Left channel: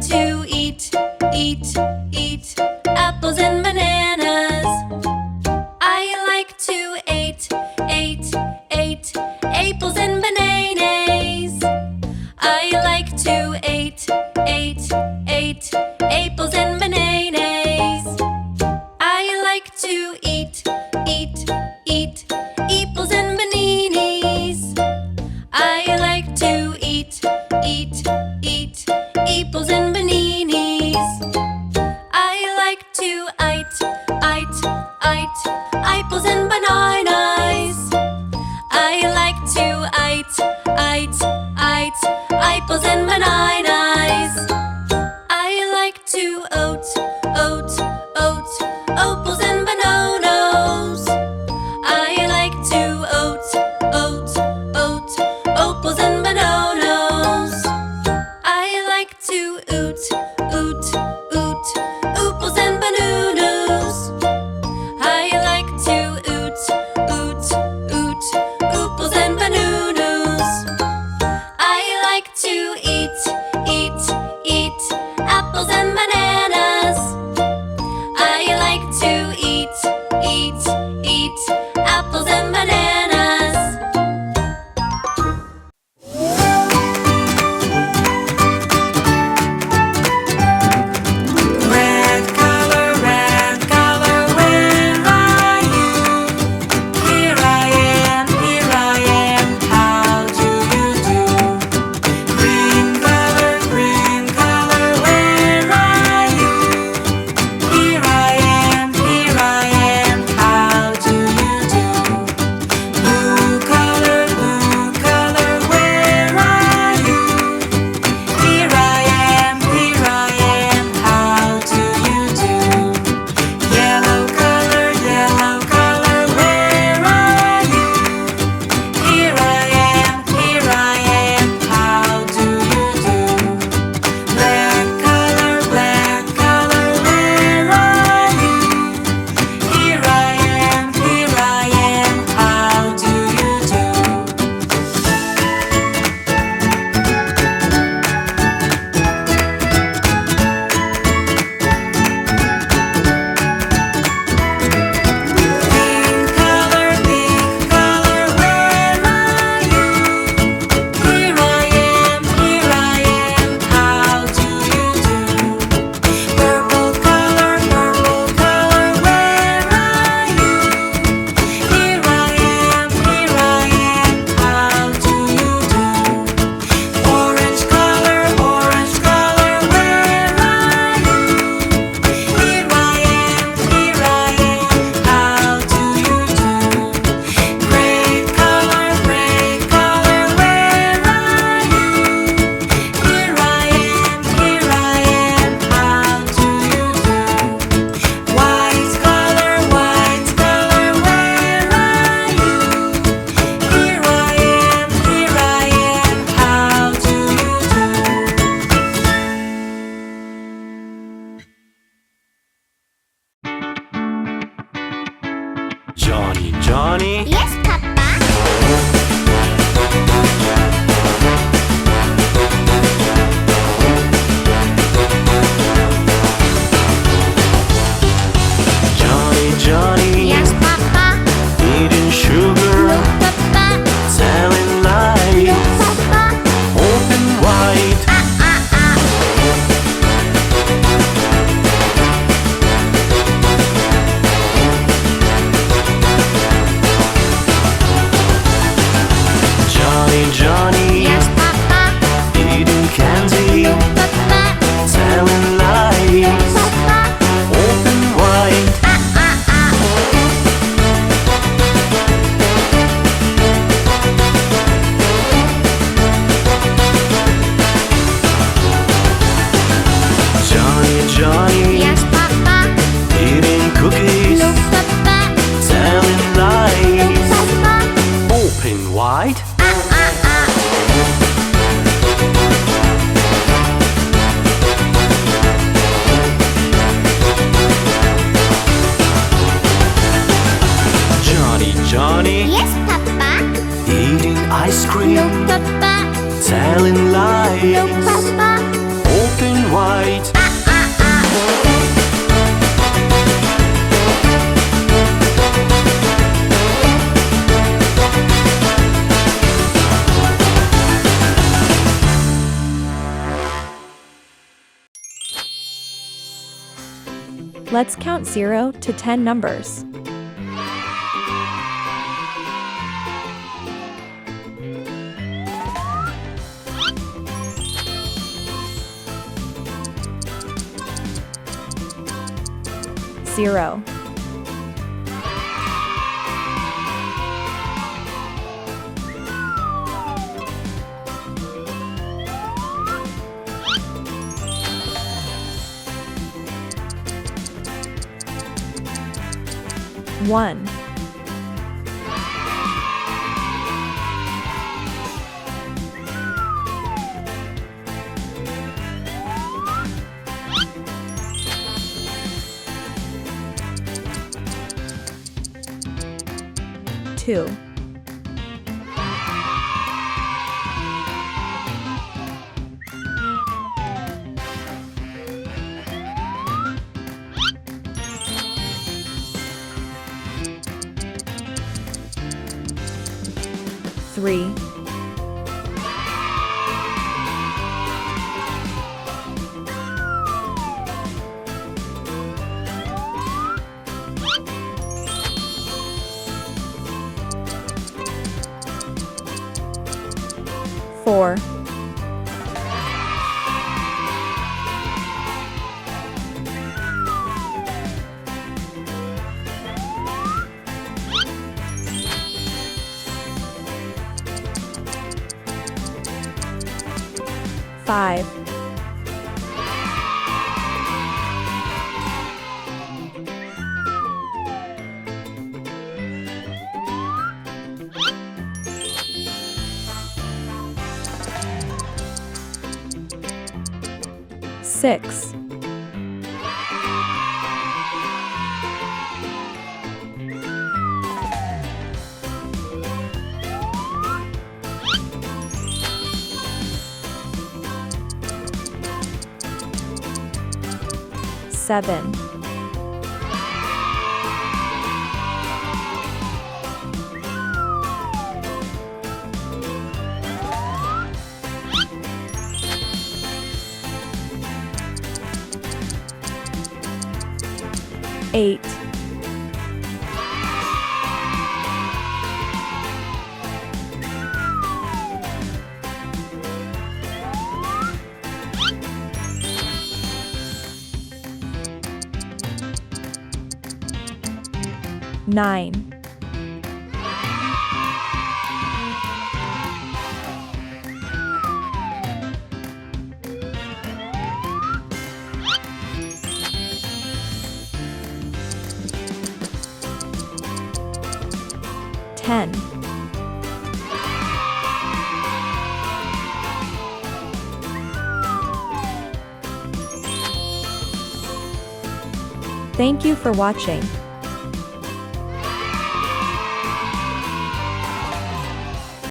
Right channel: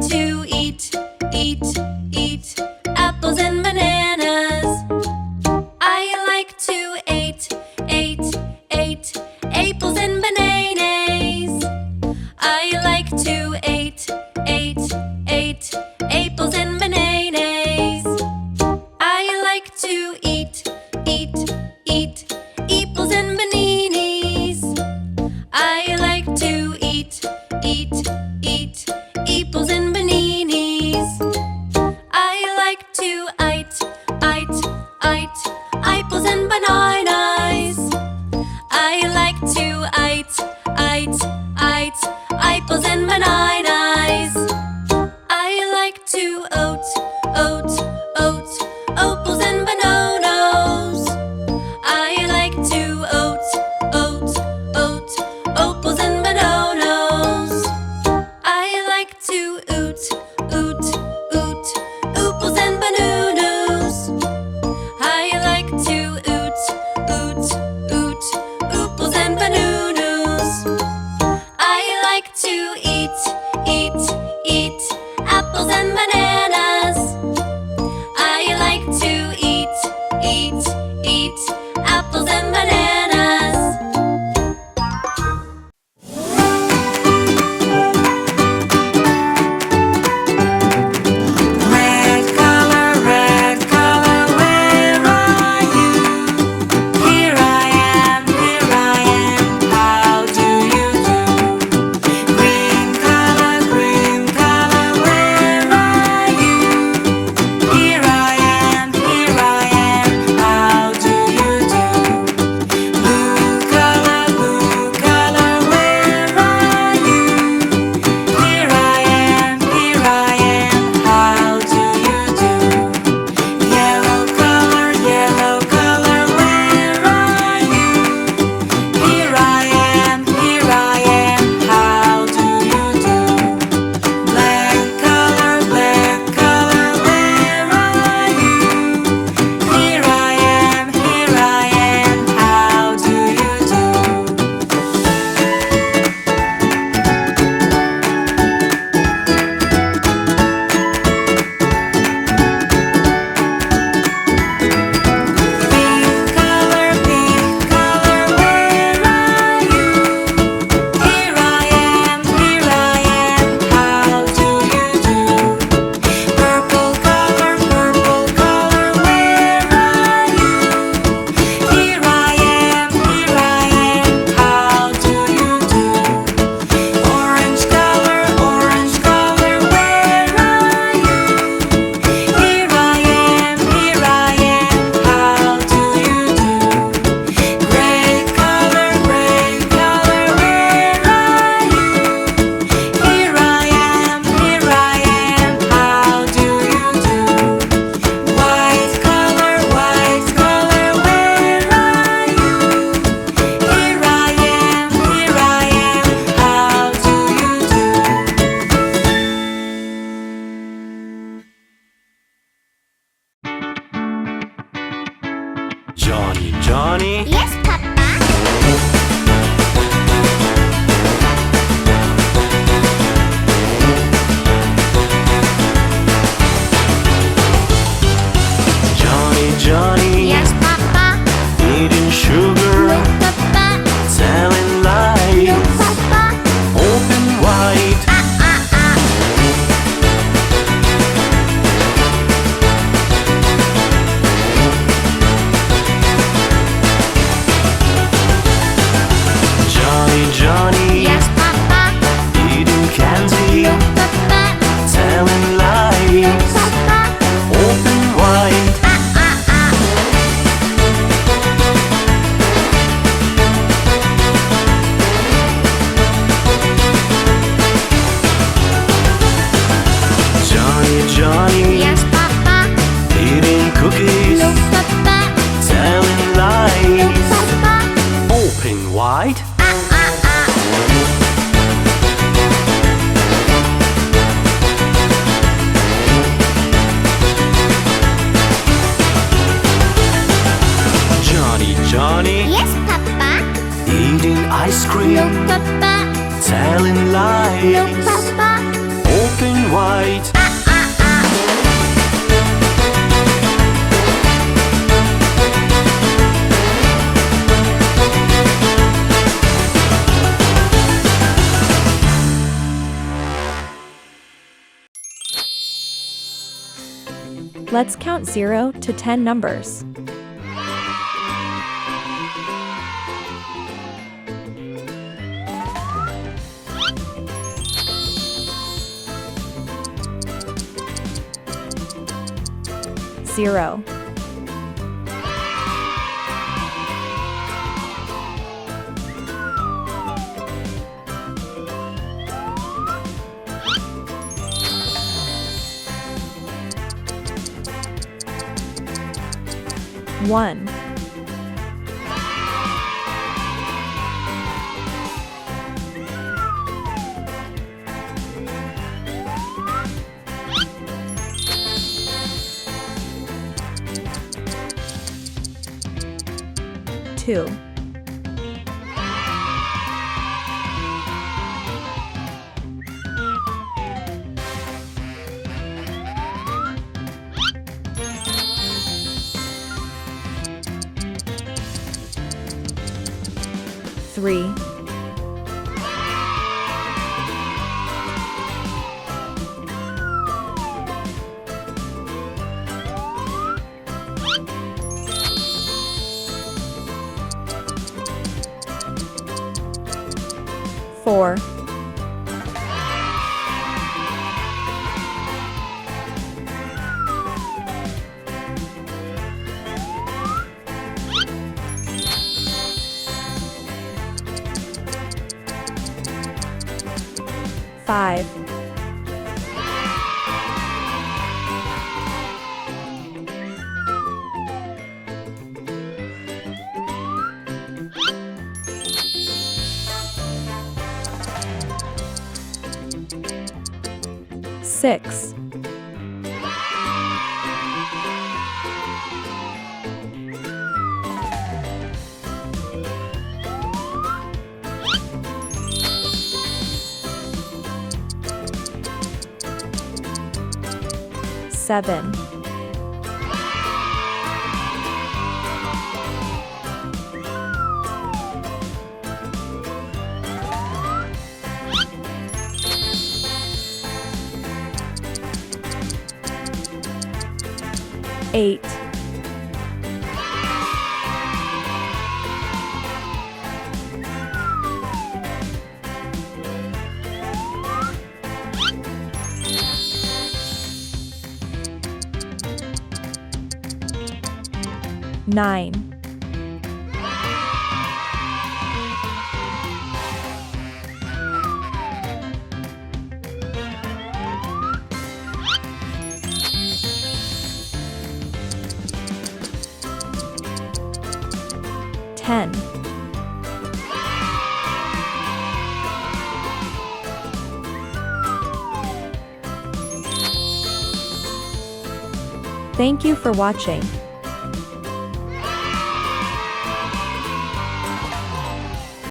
to eat apples and bananas. I like to eat apples and bananas. I like to eat apples and bananas. I like to eat apples and bananas. I like to eat apples and bananas. I like to eat apples and bananas. I like to eat apples and bananas. I like to eat apples and bananas. I like to eat apples and bananas. I like to eat apples and bananas. I like to eat apples and bananas. I like to eat apples and bananas. I like to eat apples and bananas. Red color, where are you? Here I am, how do you do? Green color, where are you? Here I am, how do you do? Blue color, where are you? Here I am, how do you do? Yellow color, where are you? Here I am, how do you do? Black color, where are you? Here I am, how do you do? Pink color, where are you? Here I am, how do you do? Purple color, where are you? Here I am, how do you do? Orange color, where are you? Here I am, how do you do? Gray color, where are you? Here I am, how do you do? White color, where are you? Here I am, how do you do? Johnny, Yes, Papa. Johnny, Yes, Papa. eating sugar, No, Papa. telling No, lies, Papa. open wide. Johnny, Yes, Papa. eating candy, No, Papa. telling No, lies, Papa. open wide. Johnny, Yes, Papa. eating cookies, No, Papa. telling No, lies, Papa. open wide. Johnny, Yes, Papa. eating ice cream, No, Papa. telling No, lies, Papa. open wide. Let's count 0 to 10 numbers. Zero, one, two, three, four, five, six, seven, eight, nine, ten, Thank you for watching.